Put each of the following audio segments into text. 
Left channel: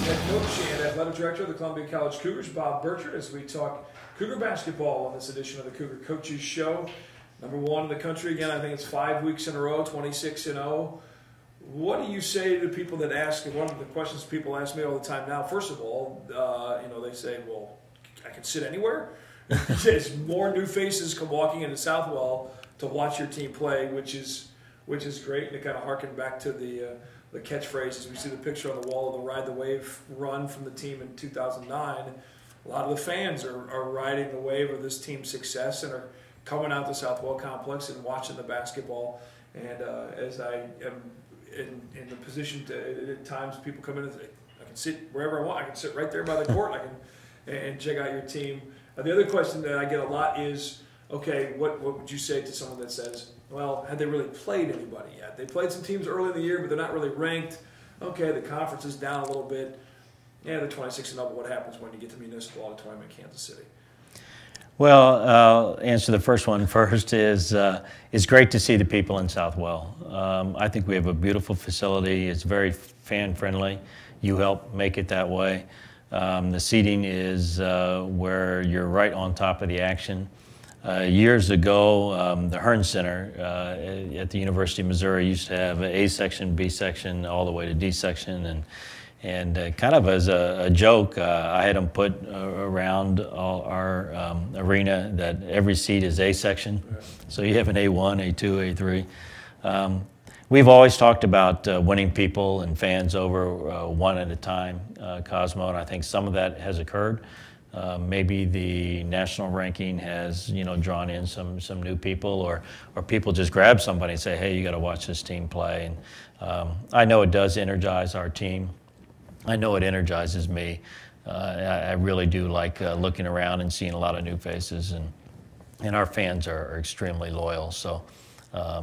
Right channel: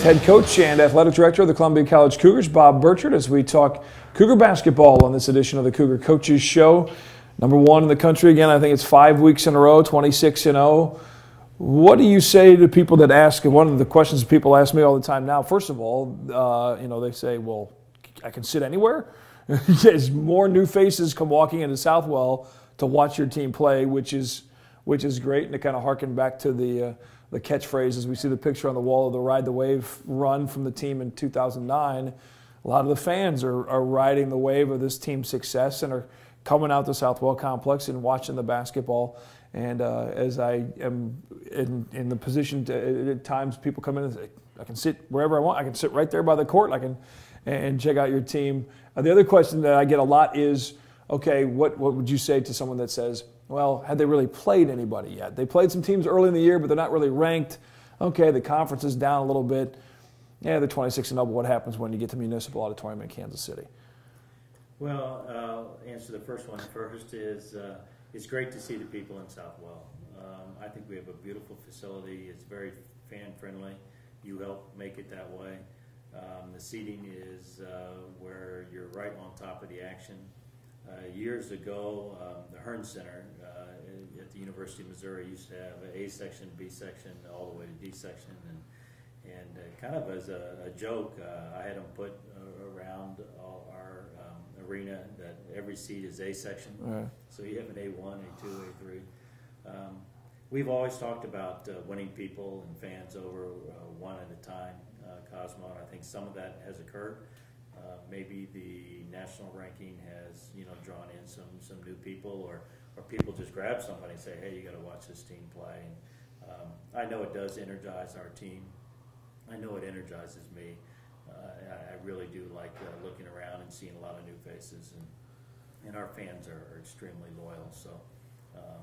with head coach and athletic director of the Columbia College Cougars, Bob Burchard, as we talk Cougar basketball on this edition of the Cougar Coaches Show. Number one in the country again. I think it's 5 weeks in a row, 26-0. What do you say to people that ask? One of the questions people ask me all the time now. First of all, they say, "Well, I can sit anywhere." As more new faces come walking into Southwell to watch your team play, which is great, and to kind of harken back to the catchphrases. We see the picture on the wall of the Ride the Wave run from the team in 2009. A lot of the fans are riding the wave of this team's success and are coming out to Southwell Complex and watching the basketball. And as I am in the position to, at times people come in and say, I can sit wherever I want. I can sit right there by the court. I can and check out your team. The other question that I get a lot is, okay, what would you say to someone that says, well, had they really played anybody yet? They played some teams early in the year, but they're not really ranked. Okay, the conference is down a little bit. Yeah, they're 26-0, but what happens when you get to Municipal Auditorium in Kansas City? Well, I'll answer the first one first. It's great to see the people in Southwell. I think we have a beautiful facility. It's very fan-friendly. You help make it that way. The seating is where you're right on top of the action. Years ago, the Hearn Center at the University of Missouri used to have an A section, B section, all the way to D section, and kind of as a joke, I had them put around our arena that every seat is A section. Right. So you have an A1, A2, A3. We've always talked about winning people and fans over one at a time, Cosmo, and I think some of that has occurred. Maybe the national ranking has, drawn in some new people, or people just grab somebody and say, hey, you got to watch this team play. And I know it does energize our team. I know it energizes me. I really do like looking around and seeing a lot of new faces, and our fans are extremely loyal. So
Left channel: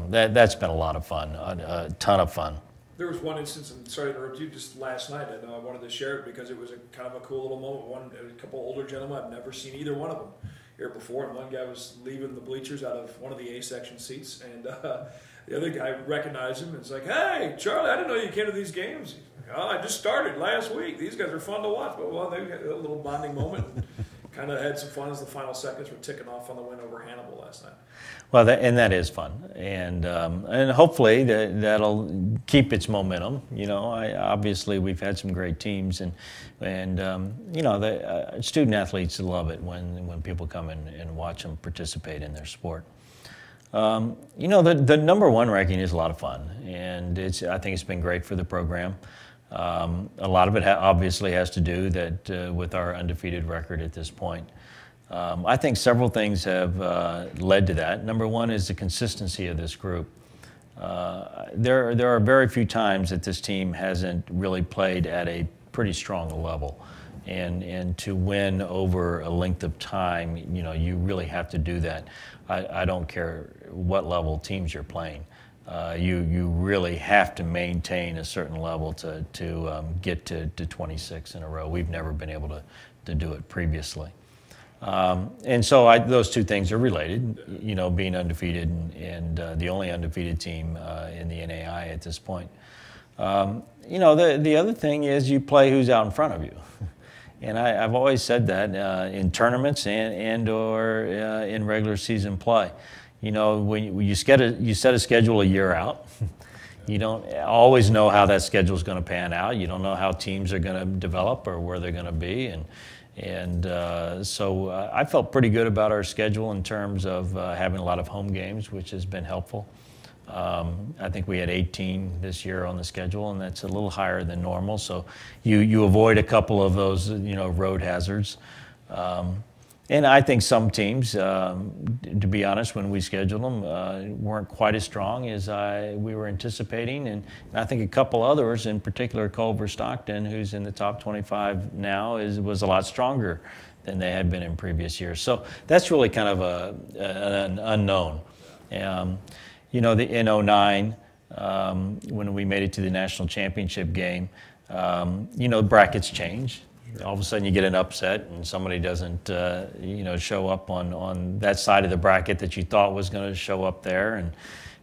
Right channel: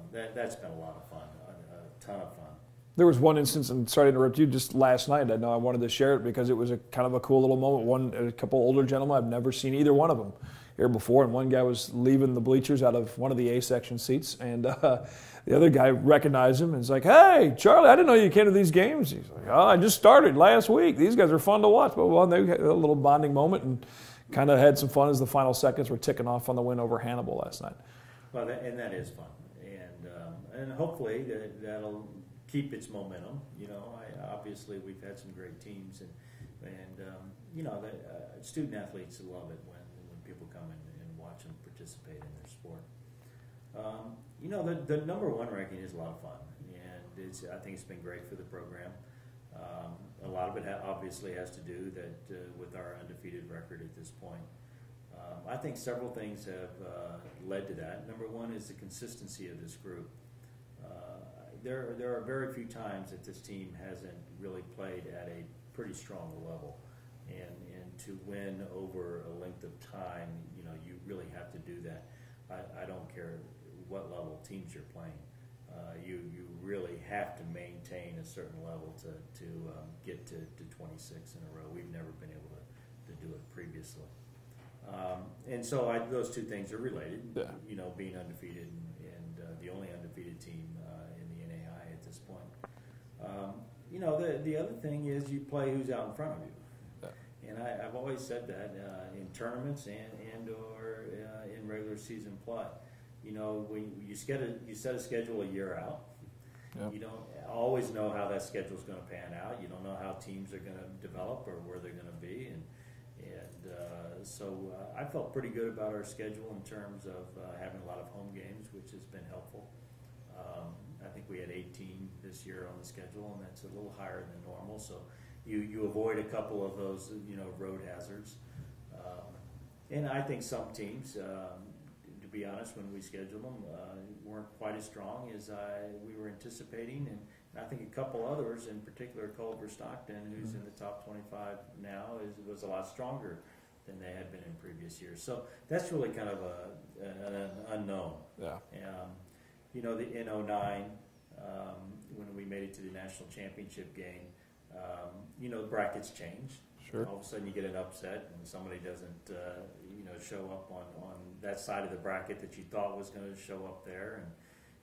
that's been a lot of fun, a ton of fun. There was one instance, and sorry to interrupt you, just last night. I know I wanted to share it because it was a kind of a cool little moment. A couple older gentlemen, I've never seen either one of them here before, and one guy was leaving the bleachers out of one of the A section seats, and the other guy recognized him and was like, "Hey, Charlie, I didn't know you came to these games." He's like, "Oh, I just started last week. These guys are fun to watch." But they had a little bonding moment and kind of had some fun as the final seconds were ticking off on the win over Hannibal last night. Well, that is fun, and hopefully that'll keep its momentum. Obviously we've had some great teams, and the student athletes love it when people come in and watch them participate in their sport. The number one ranking is a lot of fun, and I think it's been great for the program. A lot of it obviously has to do with our undefeated record at this point. I think several things have led to that. Number one is the consistency of this group. There are very few times that this team hasn't really played at a pretty strong level. And to win over a length of time, you really have to do that. I don't care what level teams you're playing. You really have to maintain a certain level to get to 26 in a row. We've never been able to do it previously. And so those two things are related, being undefeated and the only undefeated team in the NAI at this point. The other thing is you play who's out in front of you. And I've always said that in tournaments and or in regular season play. When you set a schedule a year out, you don't always know how that schedule is going to pan out. You don't know how teams are going to develop or where they're going to be. So I felt pretty good about our schedule in terms of having a lot of home games, which has been helpful. I think we had 18 this year on the schedule, and that's a little higher than normal. So you avoid a couple of those, road hazards. And I think some teams, to be honest, when we scheduled them, weren't quite as strong as we were anticipating. And I think a couple others, in particular Culver Stockton, who's in the top 25 now, was a lot stronger than they had been in previous years. So that's really kind of an unknown. Yeah. In 09, when we made it to the national championship game, brackets change. Sure. All of a sudden you get an upset and somebody doesn't, show up on that side of the bracket that you thought was going to show up there.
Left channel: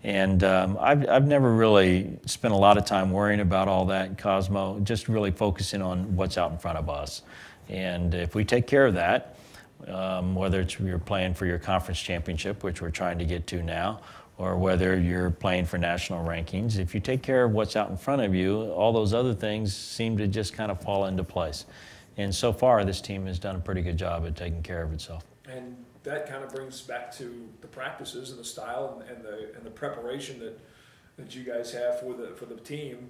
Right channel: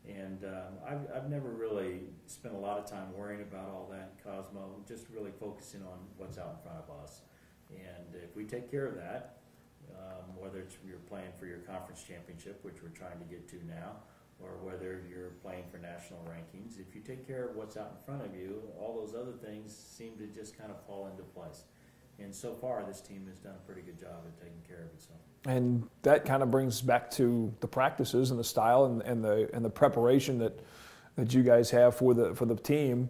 And I've never really spent a lot of time worrying about all that, Cosmo, just really focusing on what's out in front of us. And if we take care of that, whether it's you're playing for your conference championship, which we're trying to get to now, or whether you're playing for national rankings, if you take care of what's out in front of you, all those other things seem to just kind of fall into place. And so far, this team has done a pretty good job at taking care of itself. And that kind of brings back to the practices and the style and the preparation that you guys have for the team.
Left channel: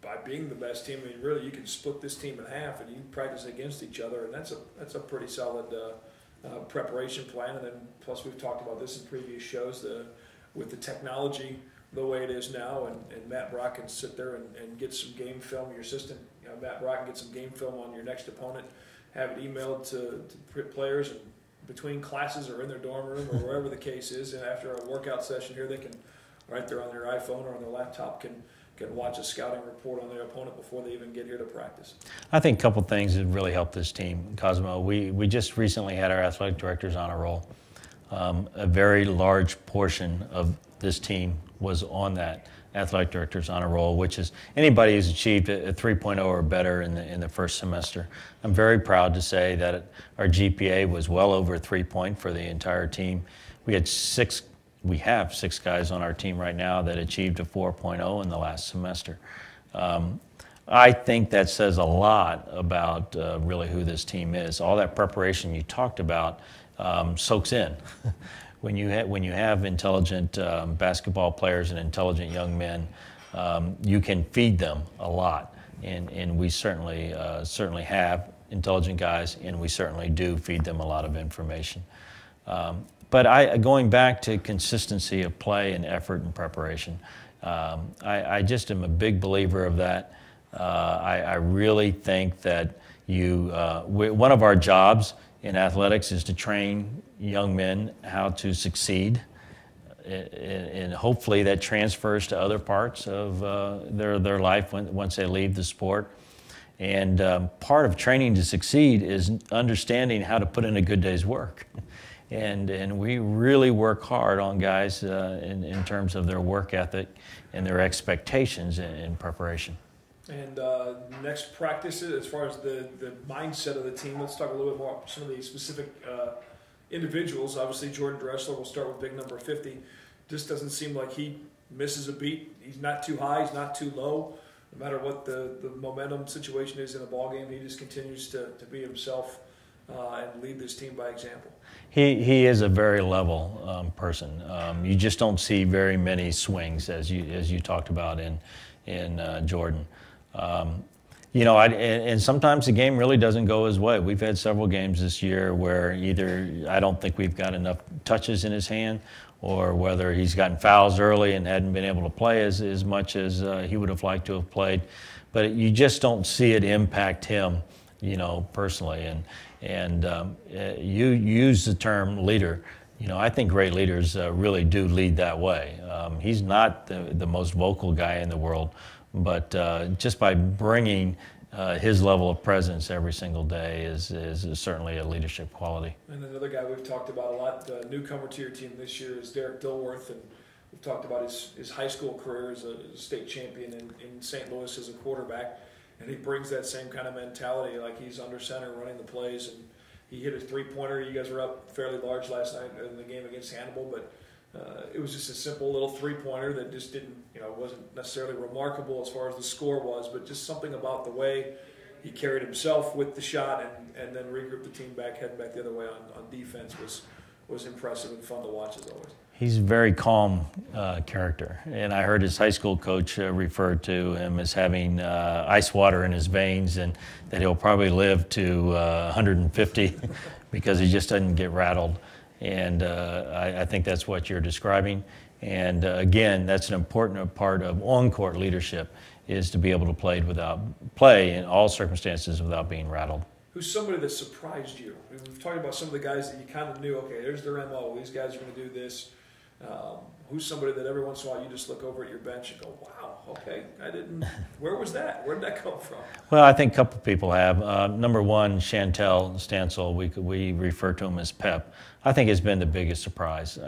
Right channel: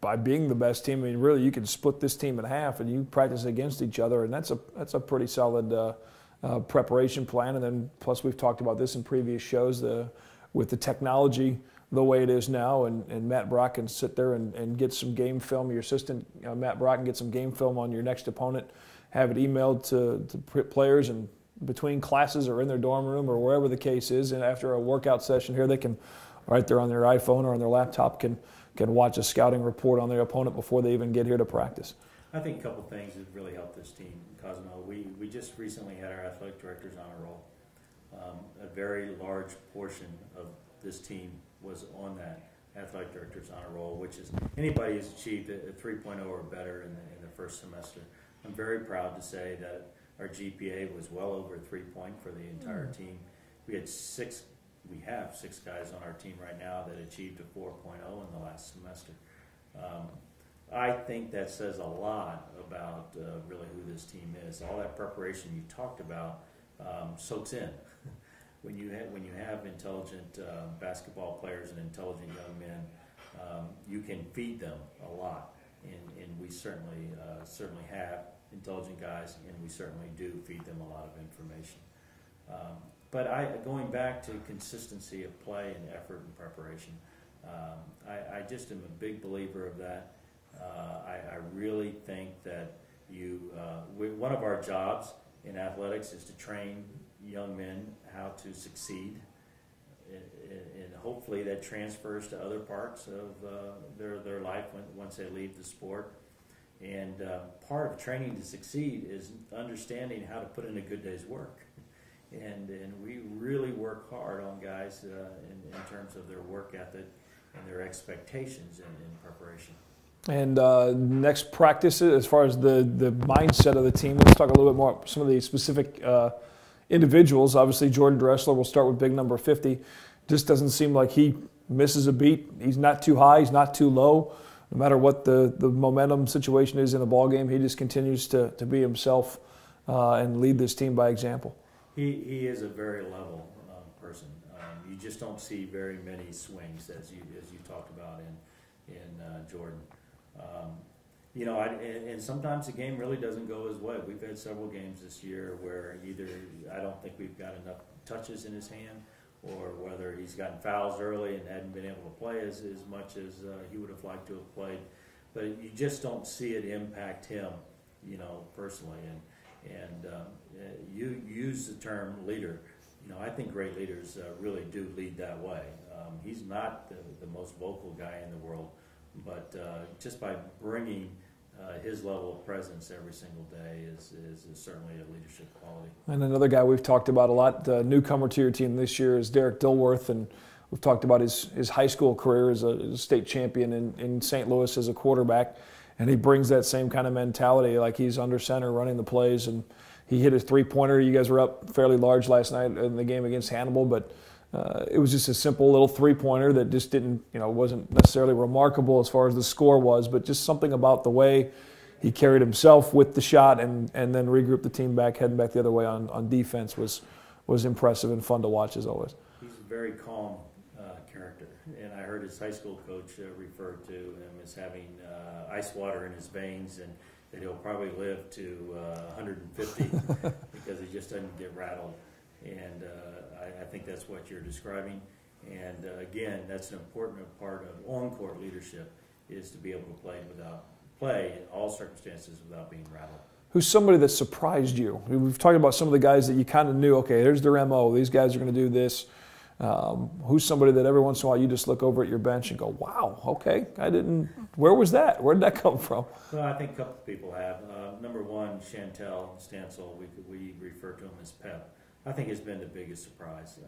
By being the best team, I mean, really, you can split this team in half, and you practice against each other, and that's a pretty solid preparation plan. And then plus, we've talked about this in previous shows, with the technology the way it is now, and Matt Brock can sit there and get some game film. Your assistant, Matt Brock, can get some game film on your next opponent, have it emailed to players, and between classes or in their dorm room or wherever the case is, and after a workout session here, they can, right there on their iPhone or on their laptop, can watch a scouting report on their opponent before they even get here to practice. I think a couple things that really helped this team, Cosmo. We just recently had our athletic directors on a roll. A very large portion of this team was on that athletic directors on a roll, which is anybody who's achieved a 3.0 or better in the first semester. I'm very proud to say that our GPA was well over 3 point for the entire team. We have 6 guys on our team right now that achieved a 4.0 in the last semester. I think that says a lot about really who this team is. All that preparation you talked about soaks in. When you have intelligent basketball players and intelligent young men, you can feed them a lot, and we certainly have intelligent guys, and we certainly do feed them a lot of information. But going back to consistency of play and effort and preparation, I just am a big believer of that. I really think that one of our jobs in athletics is to train young men how to succeed, and hopefully that transfers to other parts of their life once they leave the sport. And part of training to succeed is understanding how to put in a good day's work. And we really work hard on guys in terms of their work ethic and their expectations in preparation. And next practice, as far as the mindset of the team, let's talk a little bit more about some of the specific individuals. Obviously, Jordan Dressler will start with big number 50. Just doesn't seem like he misses a beat. He's not too high. He's not too low. No matter what the momentum situation is in the ball game, he just continues to be himself and lead this team by example. He is a very level person. You just don't see very many swings, as you talked about in Jordan. And sometimes the game really doesn't go his way. We've had several games this year where either I don't think we've got enough touches in his hand, or whether he's gotten fouls early and hadn't been able to play as much as he would have liked to have played. But you just don't see it impact him, personally. And you use the term leader. I think great leaders really do lead that way. He's not the most vocal guy in the world, but just by bringing his level of presence every single day is certainly a leadership quality. And another guy we've talked about a lot, the newcomer to your team this year, is Derek Dilworth, and we've talked about his high school career as a state champion in St. Louis as a quarterback, and he brings that same kind of mentality, like he's under center running the plays, and he hit a three-pointer. You guys were up fairly large last night in the game against Hannibal, but it was just a simple little three-pointer that just didn't, wasn't necessarily remarkable as far as the score was, but just something about the way he carried himself with the shot and then regrouped the team back, heading back the other way on defense was impressive and fun to watch as always. He's a very calm character, and I heard his high school coach refer to him as having ice water in his veins, and that he'll probably live to 150 because he just doesn't get rattled. And I think that's what you're describing. And again, that's an important part of on-court leadership, is to be able to play in all circumstances without being rattled. Who's somebody that surprised you? We've talked about some of the guys that you kind of knew, okay, there's their MO, these guys are going to do this. Who's somebody that every once in a while you just look over at your bench and go, wow, okay, where was that? Where did that come from? Well, I think a couple people have. Number one, Chantel Stansel, we refer to him as Pep, I think has been the biggest surprise.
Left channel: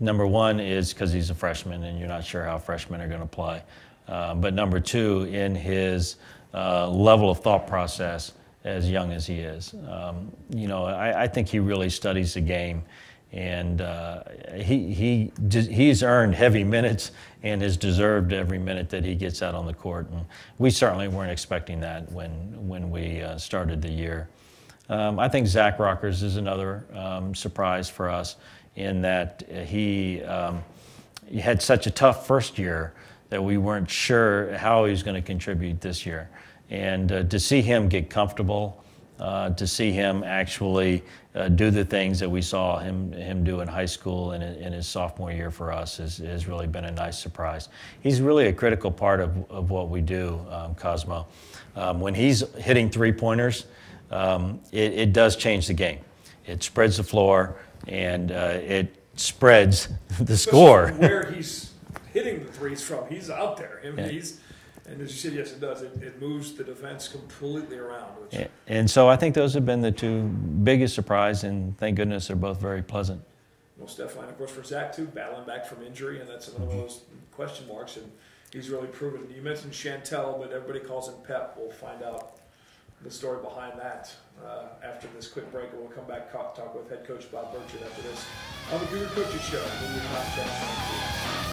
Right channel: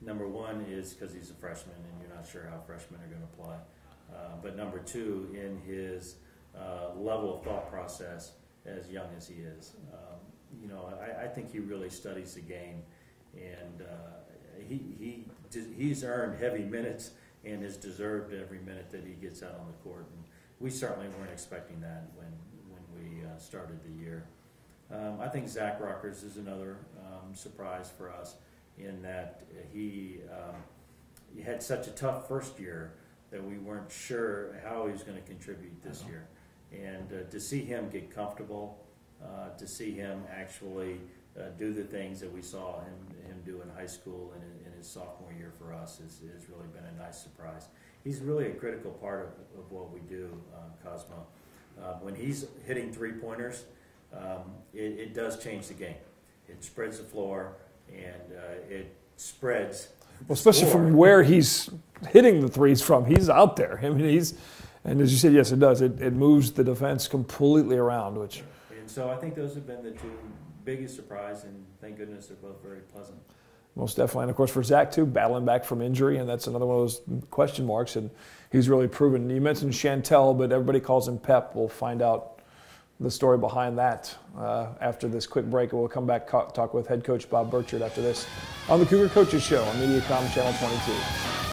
Number one is because he's a freshman and you're not sure how freshmen are going to play. But number two, in his level of thought process as young as he is. I think he really studies the game, and he's earned heavy minutes and has deserved every minute that he gets out on the court. And we certainly weren't expecting that when we started the year. I think Zach Rockers is another surprise for us in that he had such a tough first year that we weren't sure how he was going to contribute this year. And to see him get comfortable, to see him actually do the things that we saw him do in high school and in his sophomore year for us has really been a nice surprise. He's really a critical part of what we do, Cosmo. When he's hitting three-pointers, it does change the game. It spreads the floor, and it spreads the score. From where he's hitting the threes from, he's out there. I mean, and as you said, yes, it does. It moves the defense completely around. And so I think those have been the two biggest surprise, and thank goodness they're both very pleasant. Most definitely. And, of course, for Zach, too, battling back from injury, and that's another one of those question marks, and he's really proven. You mentioned Chantel, but everybody calls him Pep. We'll find out the story behind that after this quick break, and we'll come back talk with head coach Bob Burchard after this on the Cougar Coaches Show on MediaCom Channel 22.